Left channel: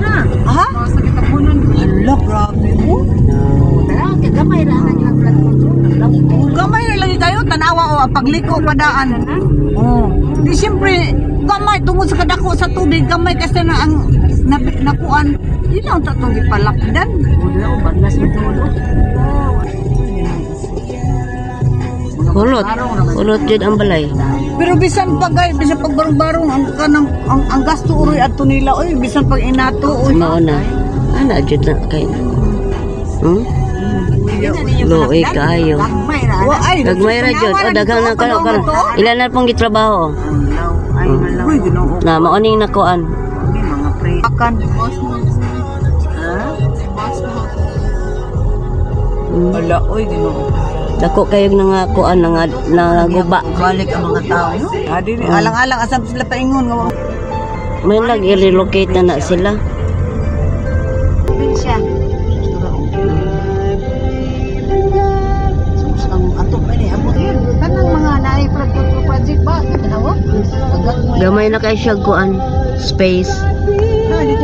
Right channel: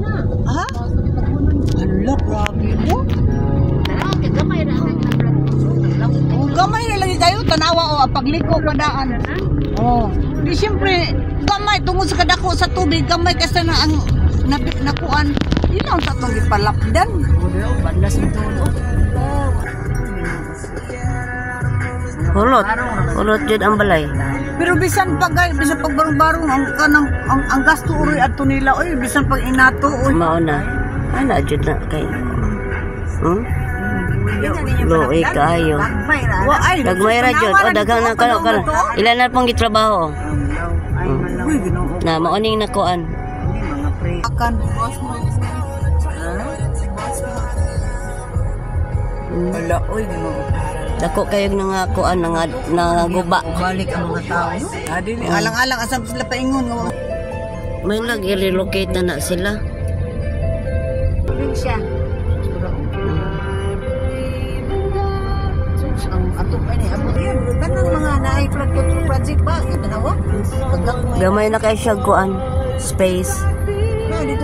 na. Ha? Hala, grabe mo. Gamay na Gamay na lagi kayo, tanawa o pagliko padaan. Oh, di siyempre gamay tungod sa kadako sa tubig, gamay kasi na ang nakuan. Ilaw ta tong ipalakdan. Bandas mo tulo. Hulot jud ang balay. Pero bisan pagay, bisan pagbarong-barong ang kanang ang gasto uroy adto nila, oy bisan pag inato oy. Mao na. Ana jud na kay. No, kayo. Wa ay Nagmayra jud. O daghang na kalo. Ilan na pong gitrabaho? Uy, Ginoo. Na mao ning nakuan. Mga pre. Akan. Ala, oy Ginoo. Dako kayo nga kuan nga guba. Balik ang mga tao. Adi ni alang-alang asam sila paingon nga. May nag-relocate na sila. Siya. Ang ato pa ni abot yan. Tanang mga naay project ba? Tanawa? Gamay na kay siya kuan space. Dito